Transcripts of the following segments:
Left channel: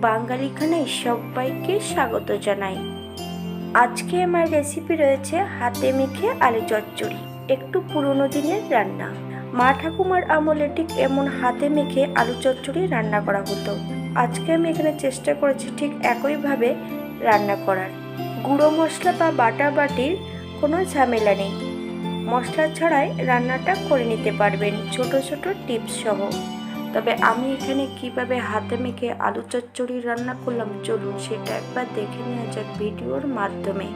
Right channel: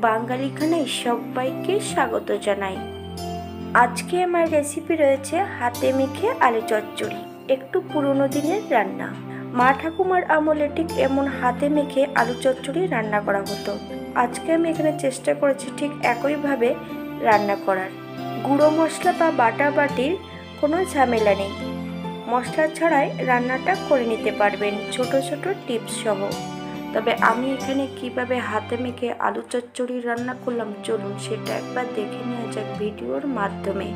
বাঙালি খানায় সবাইকে স্বাগত জানাই। আজকে আমার রেসিপি রয়েছে হাতে মেখে আলু চচ্চড়ি, একটু পুরনো দিনের রান্না। মা ঠাকুমার আমলে ঠিক এমন হাতে মেখে আলু চচ্চড়ি রান্না করা হতো। আজকে আমি এখানে চেষ্টা করেছি ঠিক একইভাবে রান্না করার। গুঁড়ো মশলা বা বাটা বাটির কোনো ঝামেলা নেই, মশলা ছাড়াই রান্নাটা করে নিতে পারবেন ছোট ছোট টিপস সহ। তবে আমি এখানে কিভাবে হাতে মেখে আলু চচ্চড়ি রান্না করলাম, চলুন সেটা একবার দেখে নেওয়া যাক ভিডিওর মাধ্যমে।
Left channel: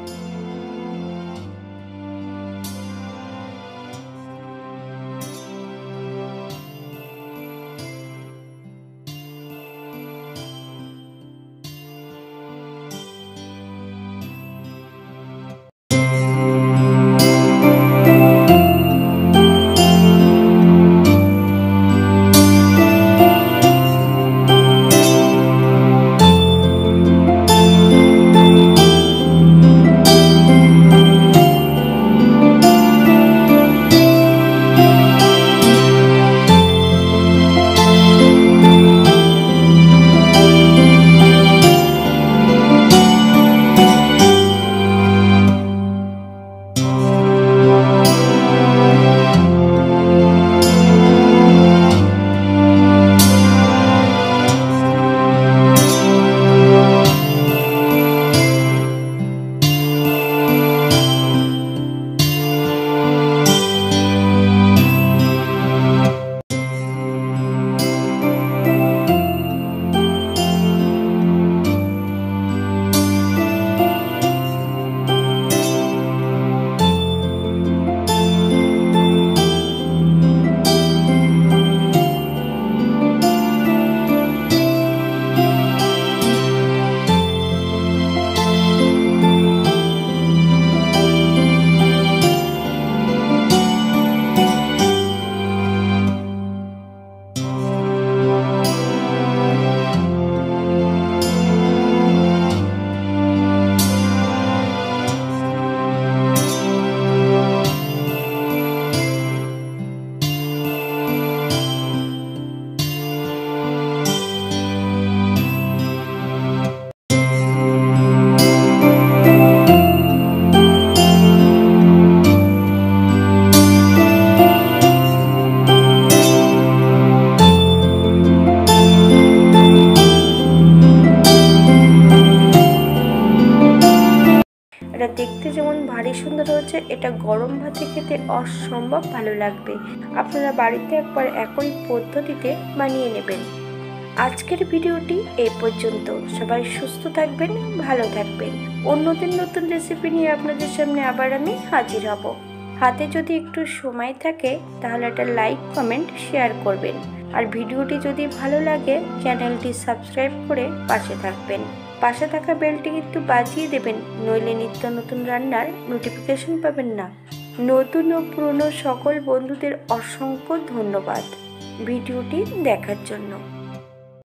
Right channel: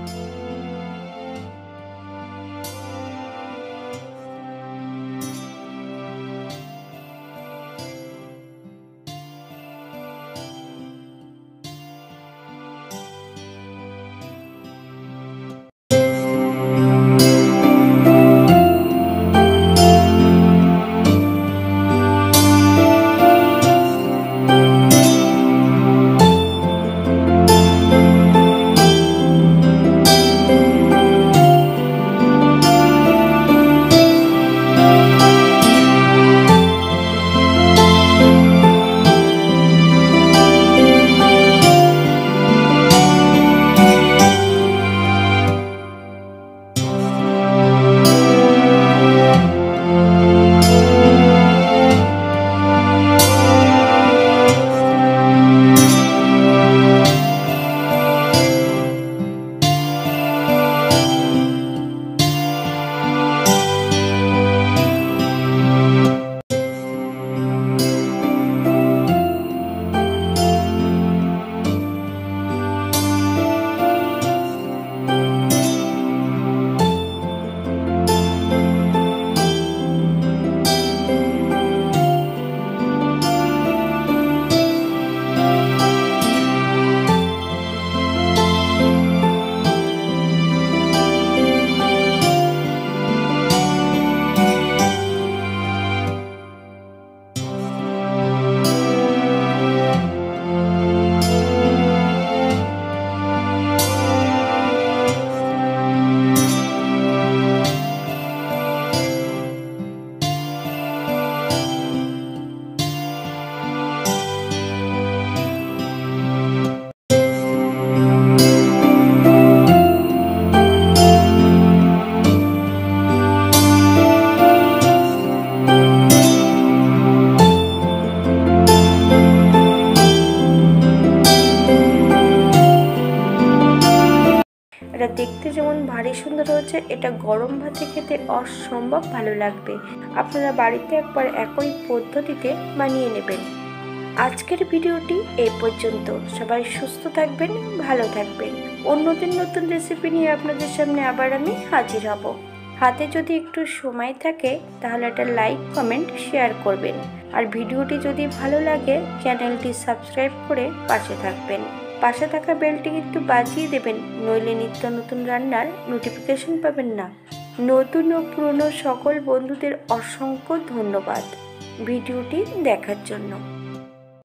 এটা দেখতে যেমন ভারী সুন্দর হয়েছে, এটা গরম ভাতে খেতে অসম্ভব ভালো লাগবে। আপনারা বাড়িতে একবার একই পদ্ধতিতে বানিয়ে নেবেন। আজকের ভিডিওটি এই পর্যন্ত। সবাই সুস্থ থাকবেন, ভালো থাকবেন। অন্যদিন নতুন রেসিপি নিয়ে আপনাদের সামনে আবার আমি হাজির হব। হাতে যদি একটু সময় থাকে তাহলে একটা লাইক, কমেন্ট, শেয়ার করবেন। আর ভিডিওটি যদি ভালো লাগে চ্যানেলটি সাবস্ক্রাইব করে পাশে থাকবেন। পাশে থাকা বেলটি কিন্তু বাজিয়ে দেবেন, নইলে নিত্য নতুন রান্নার নোটিফিকেশন পাবেন না। নতুন ও পুরনো সকল বন্ধুদের অসংখ্য ধন্যবাদ ভিডিওটি দেখার জন্য।